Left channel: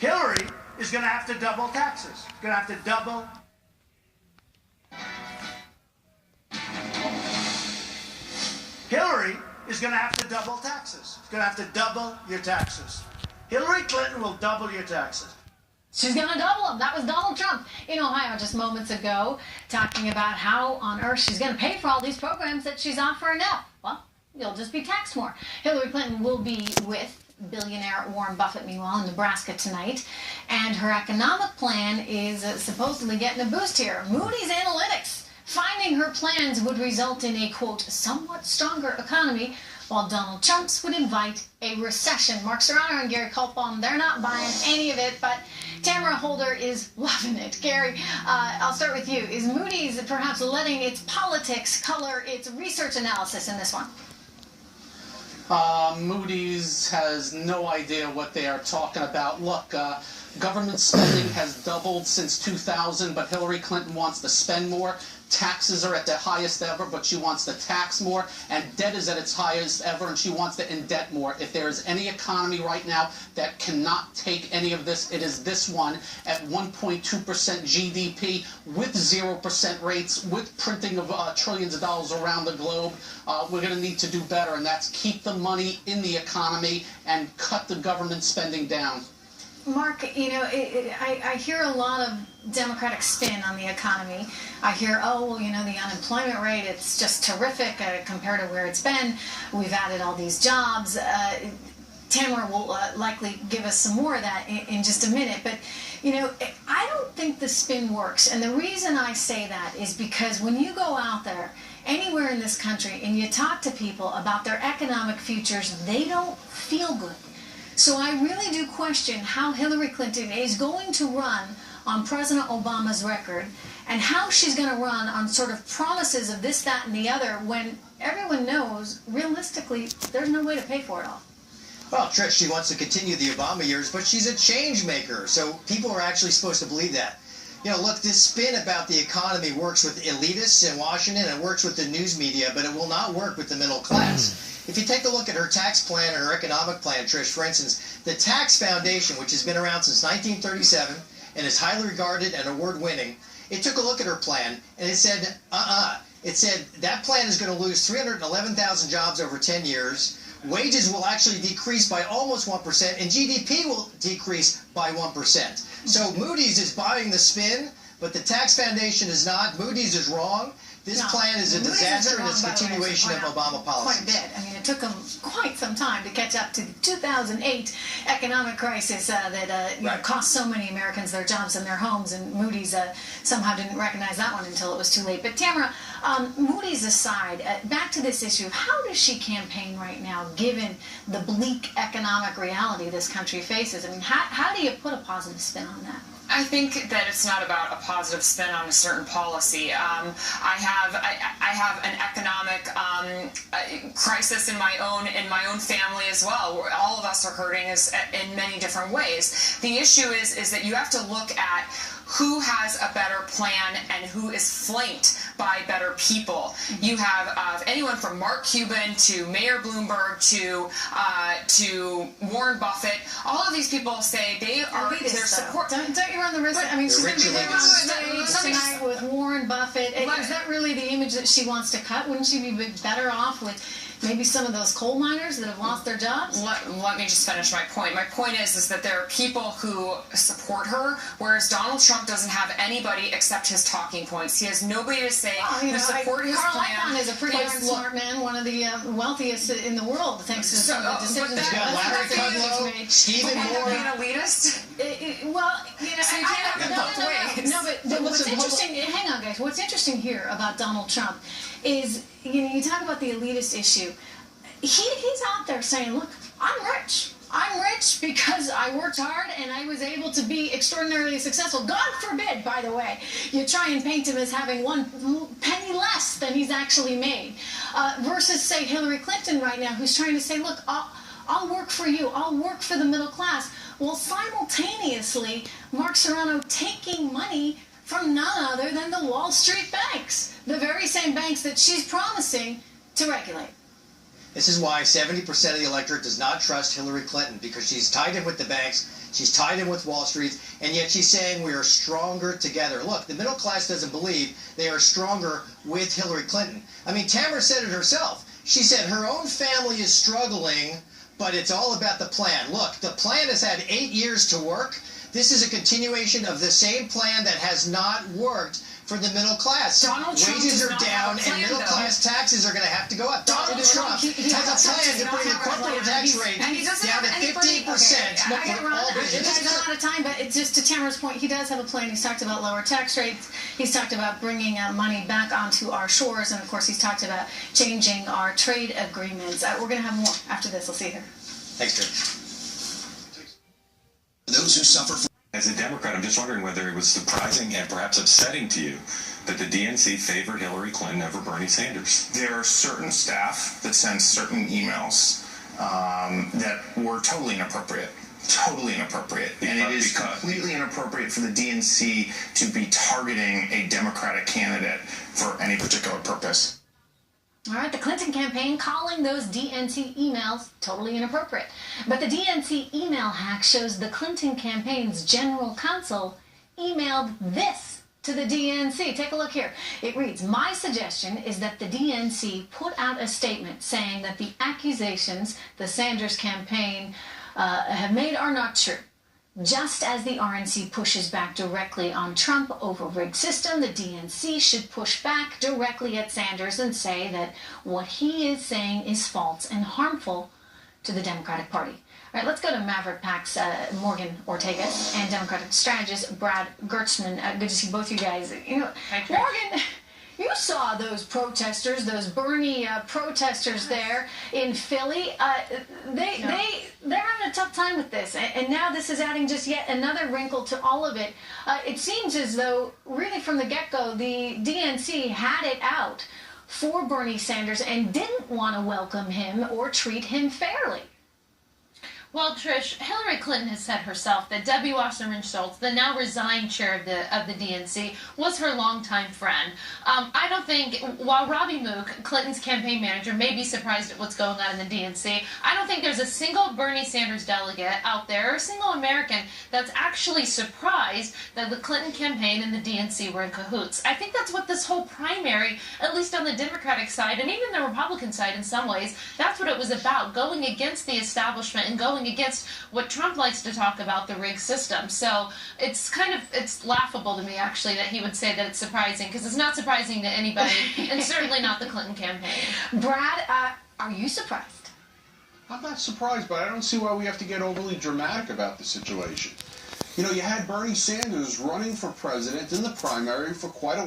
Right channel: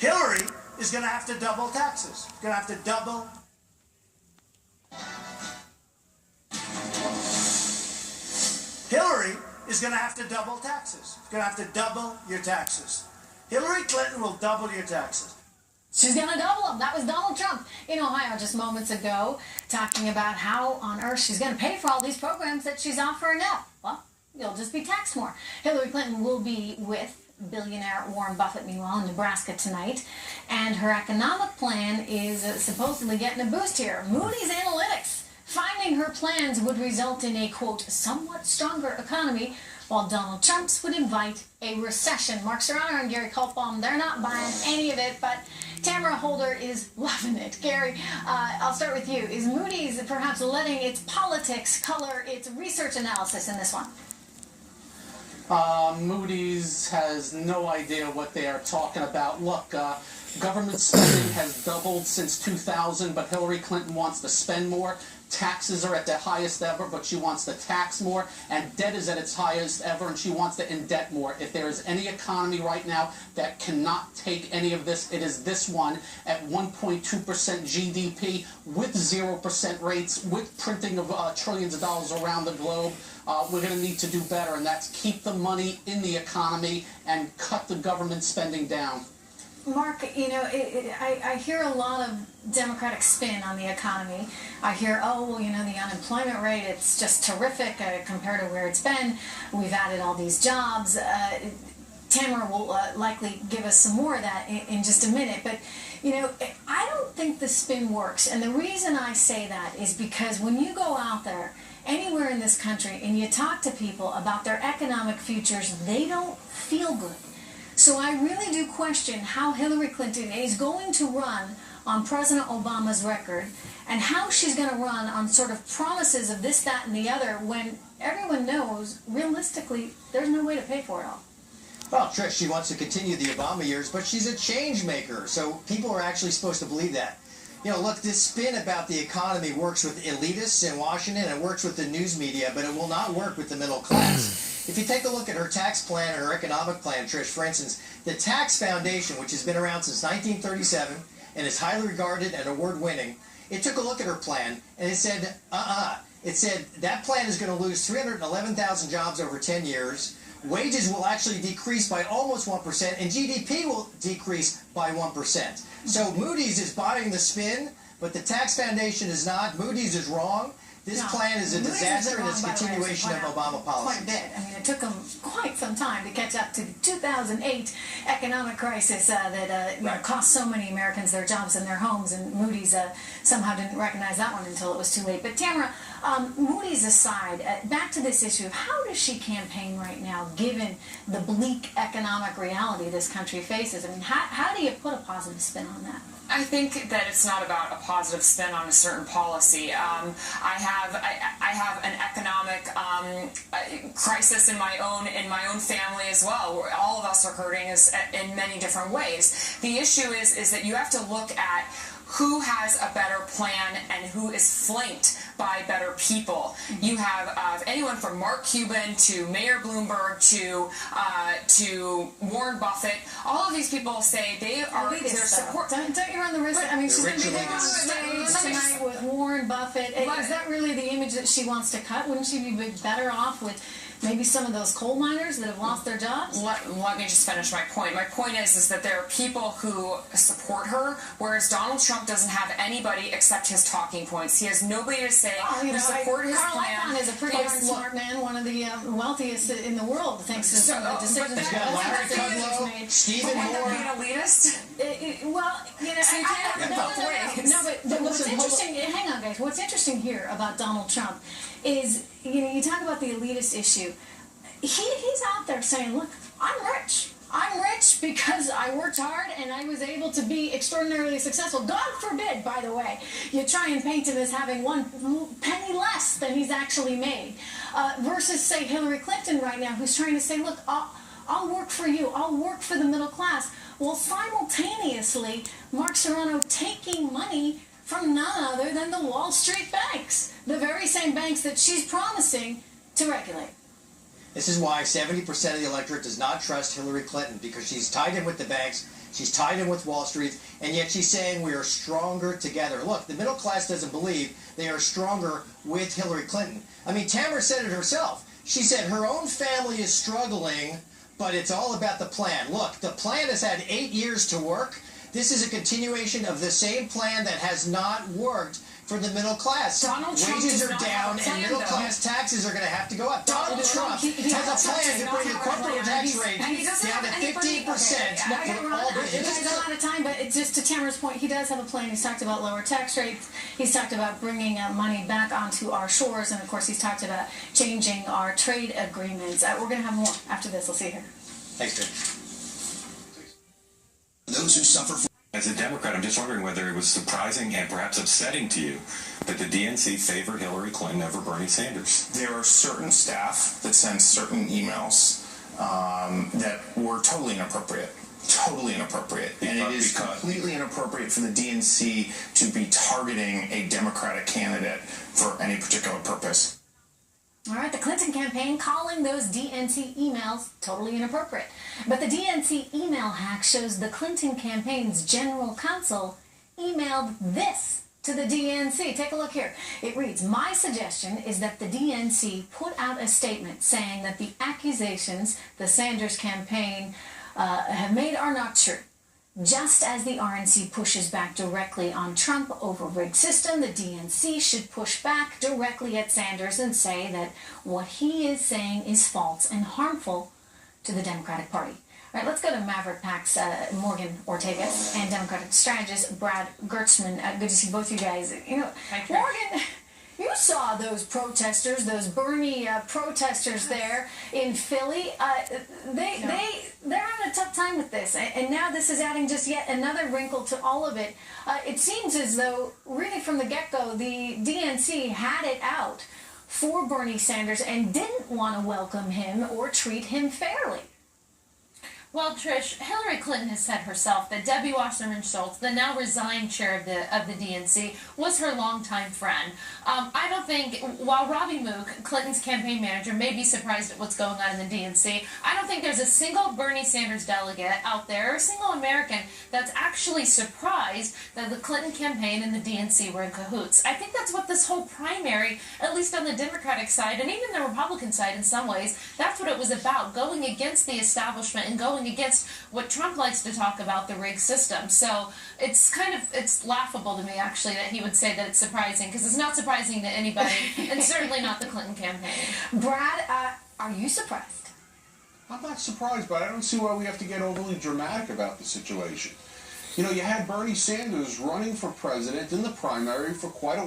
Hillary is going to have to double taxes. Going to have to double. Hillary is going to have to double taxes. Going to have to double your taxes. Hillary Clinton will double your taxes. She's going to double them. That was Donald Trump in Ohio just moments ago, talking about how on earth she's going to pay for all these programs that she's offering now. Well, you'll just be taxed more. Hillary Clinton will be with billionaire Warren Buffett, meanwhile, in Nebraska tonight. And her economic plan is supposedly getting a boost here. Moody's Analytics finding her plans would result in a, quote, somewhat stronger economy, while Donald Trump's would invite a recession. Mark Serrano and Gary Kulpbaum, they're not buying any of it, but Tamara Holder is loving it. Gary, I'll start with you. Is Moody's perhaps letting its politics color its research analysis in this one? Moody's has no idea what they are talking about. Look, government spending has doubled since 2000, but Hillary Clinton wants to spend more. Taxes are at their highest ever, but she wants to tax more, and debt is at its highest ever, and she wants to indebt more. If there is any economy right now that cannot take any of this, it is this one at 1.2% GDP with 0% rates, with printing of trillions of dollars around the globe. We're going to need to do better, and that's keep the money in the economy and cut the government spending down. Mark, you know, I hear a lot of Democratic spin on the economy. I hear, oh, well, you know, the unemployment rate, it's just terrific compared to where it's been. We've added all these jobs. Tamara will likely give us some more of that in just a minute. But, you know, I don't think the spin works. And the reason I say that is because when you go out there anywhere in this country and you talk to people about their economic futures, they don't feel good. So I really do question how Hillary Clinton is going to run on President Obama's record and how she's going to run on sort of promises of this, that, and the other when everyone knows, realistically, there's no way to pay for it all. Well, Trish, she wants to continue the Obama years, but she's a change maker, so people are actually supposed to believe that. You know, look, this spin about the economy works with elitists in Washington, it works with the news media, but it will not work with the middle class. If you take a look at her tax plan and her economic plan, Trish, for instance, the Tax Foundation, which has been around since 1937 and is highly regarded and award-winning, it took a look at her plan and it said, It said that plan is going to lose 311,000 jobs over 10 years. Wages will actually decrease by almost 1%, and GDP will decrease by 1%. So Moody's is buying the spin, but the Tax Foundation is not. Moody's is wrong. This plan is a disaster, and it's a continuation of Obama policies. Quite a bit. I mean, it took them quite some time to catch up to the 2008 economic crisis that you know, cost so many Americans their jobs and their homes, and Moody's somehow didn't recognize that one until it was too late. But Tamara, Moody's aside, back to this issue of how does she campaign right now, given the bleak economic reality this country faces? I mean, how do you put a positive spin on that? I think that it's not about a positive spin on a certain policy. I have an economic crisis in my own family as well, where all of us are hurting in many different ways. The issue is that you have to look at who has a better plan and who is flanked by better people. You have anyone from Mark Cuban to Mayor Bloomberg to Warren Buffett. All of these people say they are their support. Don't you run the risk? I mean, she's going to be there on stage tonight with Warren Buffett. Is that really the image that she wants to cut? Wouldn't she be better off with maybe some of those coal miners that have lost their jobs? Let me just finish my point. My point is that there are people who support her, whereas Donald Trump doesn't have anybody except his talking points. He has nobody to say who support his Carl plan. Icahn is a pretty darn smart man, one of the wealthiest in the world, thanks to some of the decisions He's got Larry Kudlow, Stephen Moore. Being an elitist? Well, you know, so you can't have it both ways. No, but what's interesting, hang on, guys, what's interesting here about Donald Trump is, you know, you talk about the elitist issue. He's out there saying, look, I'm rich. I'm rich because I worked hard and I was able to be extraordinarily successful. God forbid, by the way, you try and paint him as having one penny less than he's actually made. Versus, say, Hillary Clinton right now, who's trying to say, look, I'll work for you. I'll work for the middle class. Well, simultaneously, Mark Serrano taking money from none other than the Wall Street banks, the very same banks that she's promising to regulate. This is why 70% of the electorate does not trust Hillary Clinton, because she's tied in with the banks, she's tied in with Wall Street, and yet she's saying we are stronger together. Look, the middle class doesn't believe they are stronger with Hillary Clinton. I mean, Tamara said it herself. She said her own family is struggling, but it's all about the plan. Look, the plan has had 8 years to work. This is a continuation of the same plan that has not worked for the middle class. Donald Trump Wages does are not down have a plan, and middle class taxes are going to have to go up. Donald Trump he has a plan to bring the not have a corporate plan. tax He's- rate and he doesn't down to have anybody- 15% Okay, I gotta for run. all You guys businesses. are out of time, but it's just to Tamara's point, he does have a plan. He's talked about lower tax rates. He's talked about bringing money back onto our shores, and of course, he's talked about changing our trade agreements. We're going to have more after this. We'll see you here. Thanks, Jim. Those who suffer from... As a Democrat, I'm just wondering whether it was surprising and perhaps upsetting to you that the DNC favored Hillary Clinton over Bernie Sanders. There are certain staff that send certain emails that were totally inappropriate. Totally inappropriate. And it is completely inappropriate for the DNC to be targeting a Democratic candidate for any particular purpose. All right, the Clinton campaign calling those DNC emails totally inappropriate. But the DNC email hack shows the Clinton campaign's general counsel emailed this to the DNC. Take a look here. It reads, "My suggestion is that the DNC put out a statement saying that the accusations the Sanders campaign have made are not true. Just as the RNC pushes back directly on Trump over rigged system, the DNC should push back directly at Sanders and say that what he is saying is false and harmful to the Democratic Party." All right, let's go to Maverick PAC's Morgan Ortega and Democratic strategist Brad Gertzman. Good to see both you guys. You know, Morgan, you saw those protesters, those Bernie protesters there in Philly. They're having a tough time with this, and now this is adding just yet another wrinkle to all of it. It seems as though, really from the get-go, the DNC had it out for Bernie Sanders and didn't want to welcome him or treat him fairly. Well, Trish, Hillary Clinton has said herself that Debbie Wasserman Schultz, the now resigned chair of the DNC, was her longtime friend. I don't think, while Robbie Mook, Clinton's campaign manager, may be surprised at what's going on in the DNC, I don't think there's a single Bernie Sanders delegate out there, or a single American, that's actually surprised that the Clinton campaign and the DNC were in cahoots. I think that's what this whole primary, at least on the Democratic side, and even the Republican side in some ways, that's what it was about, going against the establishment and going against what Trump likes to talk about, the rigged system. So it's laughable to me, actually, that he would say that it's surprising, because it's not surprising to anybody, and certainly not the Clinton campaign. Brad, are you surprised? I'm not surprised, but I don't see why we have to get overly dramatic about the situation. You know, you had Bernie Sanders running for president in the primary for quite a